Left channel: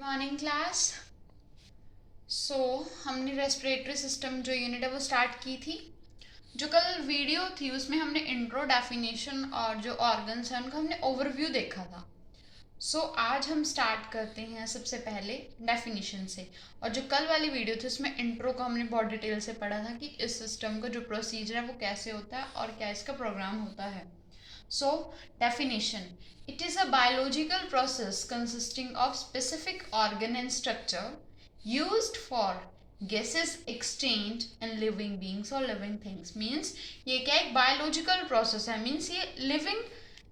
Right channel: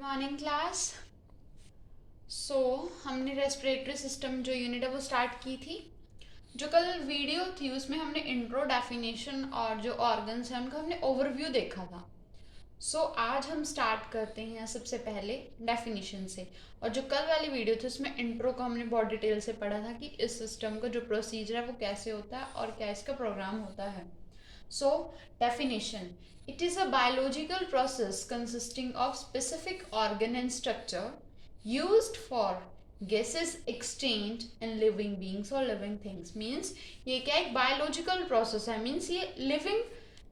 Morning class. हमने respiratory system जो unit है वो स्टार्ट की थी। जो कल वीडियो थी उसमें हमने इंट्रो, डेफिनेशन और जो ऑर्गन्स हैं उनका हमने ओवरव्यू देखा था। आज हम स्टार्ट करते हैं सबसे पहले डेफिनेशन से। और जो कल वाली वीडियो थी उसमें इंट्रो को हमने बहुत डिटेल से पढ़ा था कि इस सिस्टम का जो प्रोसीजर है वो कैसे होता है और क्या इसका प्रोग्राम होता है। Definition. It is a biological process consisting of specific organ and structure used for gases exchange in living beings or living things. Means ये क्या एक biological process है. Means ये living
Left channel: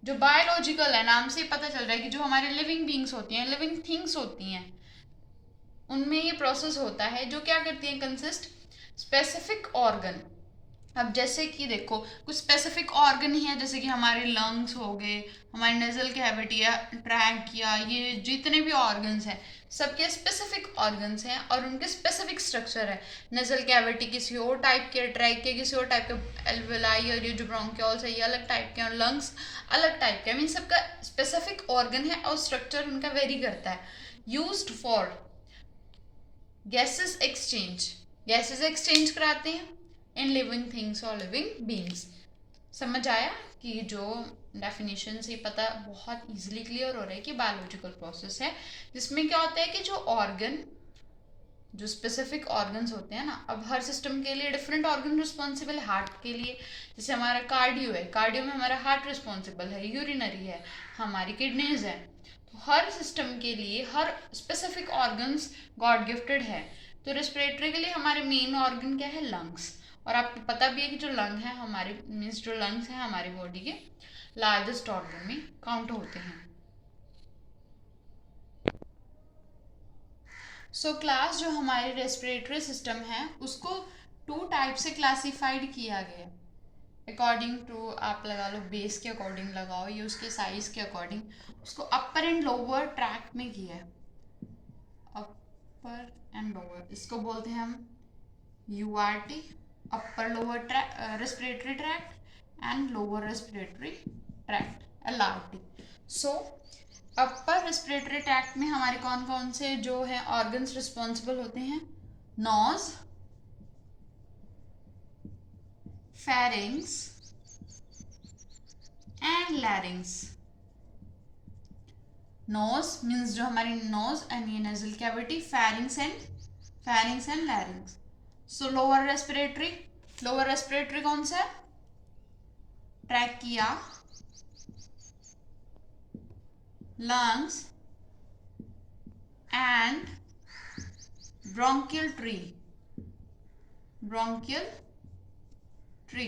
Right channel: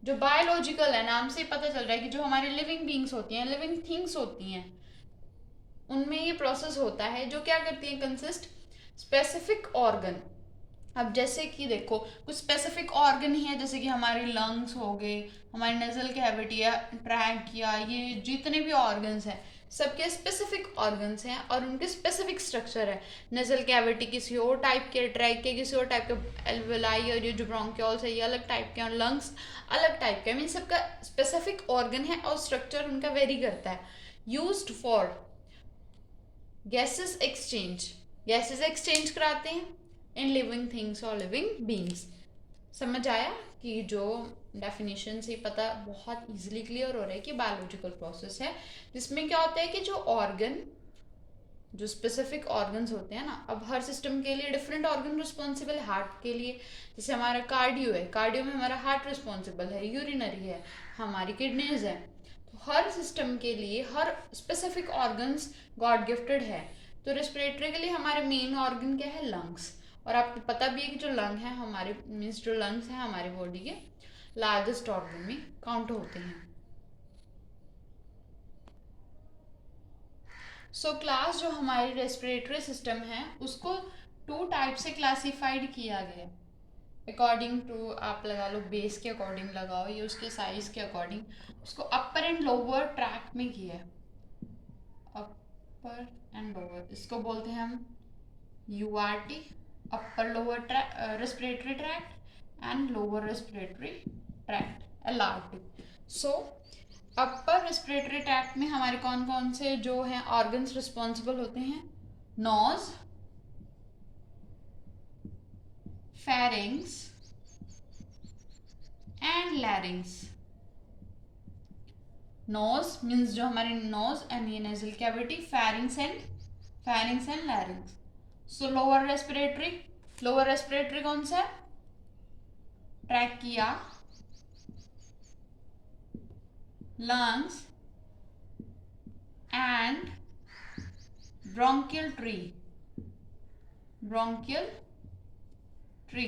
जो biological है, नाम से पता चल रहा है कि जो हमारे living beings होती हैं, living things होती हैं, उनमें ये प्रोसेस होता है जो क्या करती है, कंसिस्ट स्पेसिफिक ऑर्गन। अब जैसे कि देखो कुछ स्पेसिफिक ऑर्गन ही है, जैसे कि हमारे लंग्स हो गए, हमारी नेजल कैविटी या ट्रैकिया, ये जितने भी ऑर्गन्स हैं सबके स्पेसिफिक ऑर्गन्स हैं और उनके स्पेसिफिक स्ट्रक्चर है। नेजल कैविटी किसी और टाइप के, ट्रैकिया किसी और टाइप के, एल्वेलाई और ये जो ब्रोंक्योल्स है ये अलग टाइप के और लंग्स अलग टाइप के। मीन सबका स्पेसिफिक ऑर्गन है और स्ट्रक्चर उनका वेरी करता है। Used for gases exchange, gases exchange कराते हैं इन लिविंग थिंग्स और लिविंग बींग्स। समझ आया कि जो डेफिनेशन से पता बहुत इजीली क्लियर हो रहा है कि बायोलॉजिकल प्रोसेस है जिसमें क्या होता है कि जो ऑर्गन, जो स्पेसिफिक ऑर्गन्स होते हैं ना, अब हर सिस्टम के लिए डिफरेंट ऑर्गन रिस्पॉन्सिबल है। हार्ट के लिए जैसे हमारा कार्डियो है, कार्डियो में हमारा हार्ट रिस्पॉन्सिबल है, यूरिनरी है, हमारी किडनीज है। तो हर सिस्टम के लिए हर स्पेसिफिक ऑर्गन्स गॉड गिफ्टेड है। तो रेस्पिरेटरी के लिए हमारे मेन ऑर्गन क्या है, लंग्स। और आपको पता भी है कि जो लंग है हमारे, मीन्स जो लंग्स हैं हमारी बॉडी के लार्जेस्ट ऑर्गन में काउंट होते हैं। क्लास जो हमारी रेस्पिरेटरी सिस्टम है उसको टू टाइप से क्लासिफाइड किया गया अकॉर्डिंग टू, आप लगा लो बेस के अकॉर्डिंग लगाओ, ये उसके साइज के अकॉर्डिंग उसको अपर एंड लोअर ट्रैक में किया है। अपर एंड लोअर, इसको बोलते हैं हम URT, upper lower respiratory tract and lower respiratory tract, LRT. Upper respiratory tract में हमारे कौन कौन से जो है ऑर्गन्स रिस्पॉन्सिबल होते हैं, nose, pharynx and larynx. Nose means जो हमारी नोज एंड ये nasal cavity, pharynx and larynx. Lower respiratory कौन सा है, trachea, lungs and bronchial tree.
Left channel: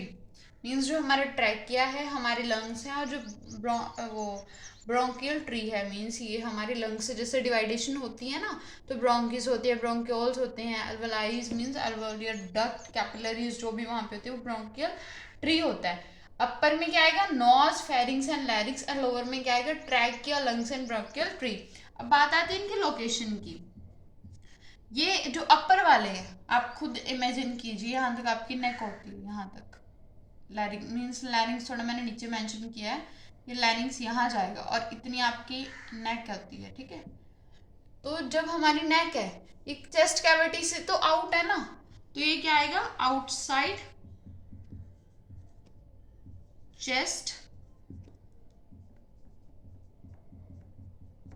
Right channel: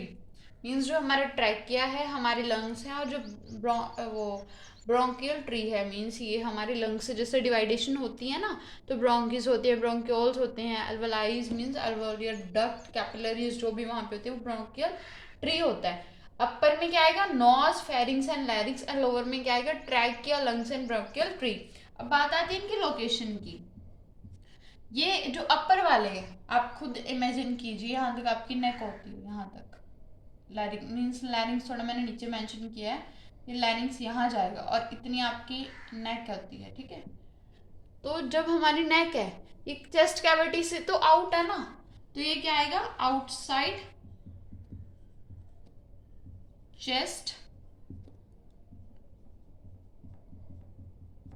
Means जो हमारे ट्रैकिया है, हमारे लंग्स हैं, और जो ब्रोंकियल ट्री है, मीन्स ये हमारे लंग्स से जैसे डिवाइडेशन होती है ना, तो ब्रोंकिस होते हैं, ब्रोंक्योल्स होते हैं, अल्वेलाइज मीन्स अल्वेलियर डक्ट, कैपिलरीज जो भी वहाँ पे होते हैं वो ब्रोंकियल ट्री होता है। अपर में क्या आएगा, nose, pharynx and larynx, and lower में क्या आएगा, trachea, lungs and bronchial tree. अब बात आती है इनकी लोकेशन की। ये जो अपर वाले हैं, आप खुद इमेजिन कीजिए, यहाँ तक आपकी नेक होती है, यहाँ तक लैरिंग मीन्स, लैरिंग्स थोड़ा मैंने नीचे मेंशन किया है, ये लैरिंग्स यहाँ जाएगा और इतनी आपकी नेक होती है, ठीक है। तो जब हमारी नेक है ये चेस्ट कैविटी से तो आउट है ना, तो ये क्या आएगा, outside chest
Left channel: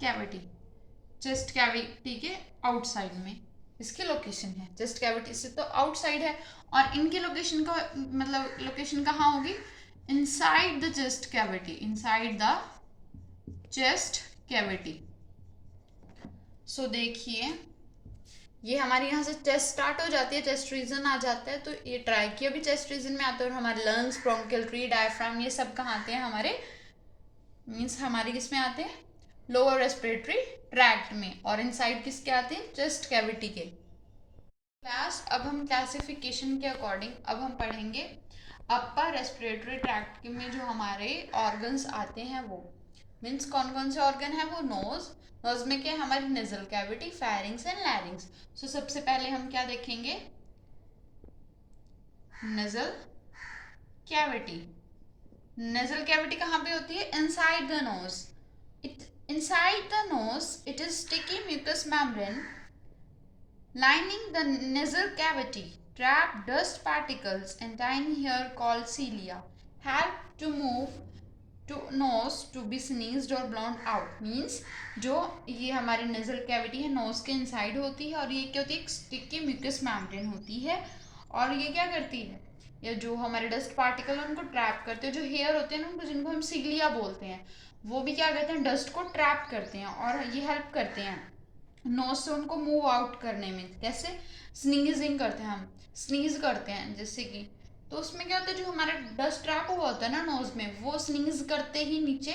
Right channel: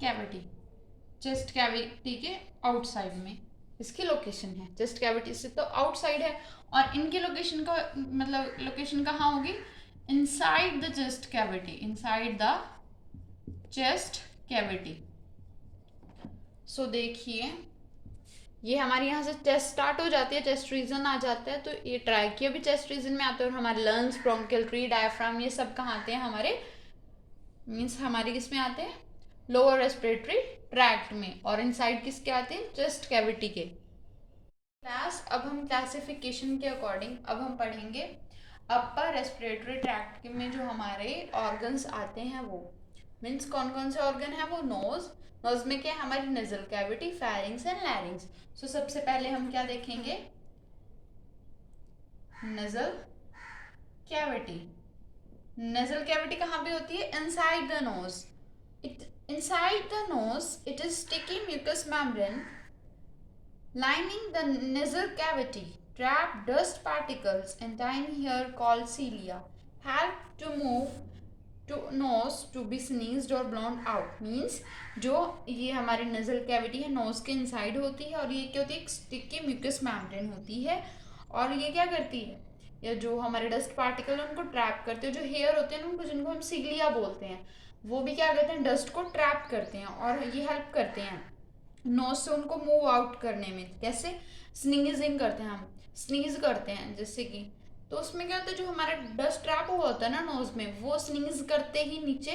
cavity, chest cavity के आउटसाइड में इसकी लोकेशन है। चेस्ट कैविटी से तो आउटसाइड है और इनकी लोकेशन का मतलब लोकेशन कहाँ होगी, inside the chest cavity, inside the chest cavity. देखिए ये हमारे यहाँ से चेस्ट स्टार्ट हो जाती है, चेस्ट रीजन आ जाता है, तो ये ट्राइकिया भी चेस्ट रीजन में आता है, और हमारे लंग्स, ब्रोंकियल ट्री, डायफ्राम, ये सब कहाँ आते हैं, हमारे मीन्स हमारे किस में आते हैं, लोअर रेस्पिरेटरी ट्रैक्ट में, और इनसाइड किसके आते हैं, चेस्ट कैविटी के। क्लास अब हम क्लासिफिकेशन के अकॉर्डिंग अब हम पढ़ेंगे अपर रेस्पिरेटरी ट्रैक्ट में जो हमारे ऑर्गन्स आते हैं, वो मीन्स कौन कौन से ऑर्गन है, वो नोज में क्या है, हमारी नेजल कैविटी, फेरिंग्स एंड लैरिंग्स। सबसे पहले हम क्या देखेंगे, नेजल कैविटी। नेजल कैविटी कहाँ पे होती है, inside the nose, Inside the nose, it is sticky mucous membrane lining the nasal cavity. Trap dust particles and tiny hair called cilia help to move to nose to be sneezed or blown out. Means जो ये हमारी nasal cavity है knows के inside होती है और ये क्या होती है, एक स्टिकी म्यूकस मेम्ब्रेन होती है और ये क्या करती है, या जो हमारे डस्ट पार्टिकल है उनको ट्रैप करते हैं, जो हेयर होते हैं उनको, जिनको हम सिगलिया बोलते हैं, वो भी क्या करते हैं, डस्ट को ट्रैप करते हैं और ये हेल्प करते हैं नोज से उनको मूव आउट करने में। कैसे, स्नीजिंग करते हैं, हम स्नीज करते हैं जैसे कि, तो उसमें क्या होता है, जो हमारा डस्ट ट्रैप हुआ होता है ना नोज में, वो स्नीज करते ही नीचे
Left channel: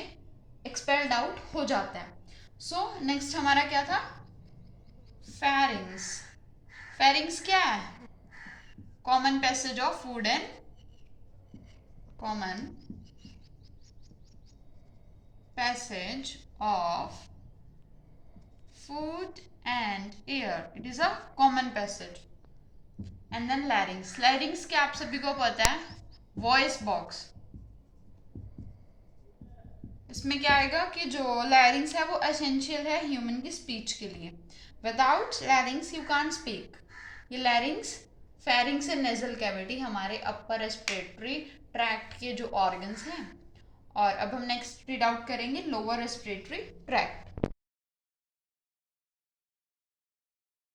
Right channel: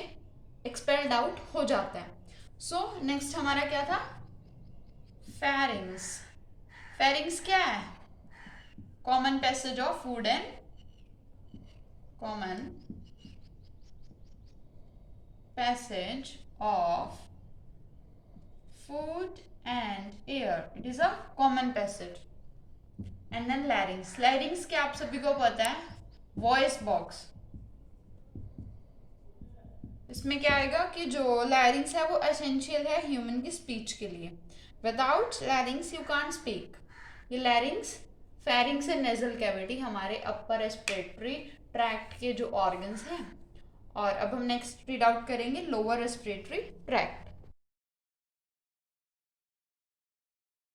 एक्सपेल्ड आउट हो जाता है। सो नेक्स्ट हमारा क्या था, फेरिंग्स। फेरिंग्स क्या है, common passage of food and common passage of food and air. It is a common passage. And then larynx. Larynx क्या आप सभी को पता है, वॉइस बॉक्स। इसमें क्या आएगा कि जो larynx है वो एसेंशियल है ह्यूमन की स्पीच के लिए। Without larynx you can't speak. ये larynx, pharynx and nasal cavity हमारे अपर रेस्पिरेटरी ट्रैक्ट के जो ऑर्गन्स हैं। और अब हम नेक्स्ट रीड आउट करेंगे लोअर रेस्पिरेटरी ट्रैक्ट।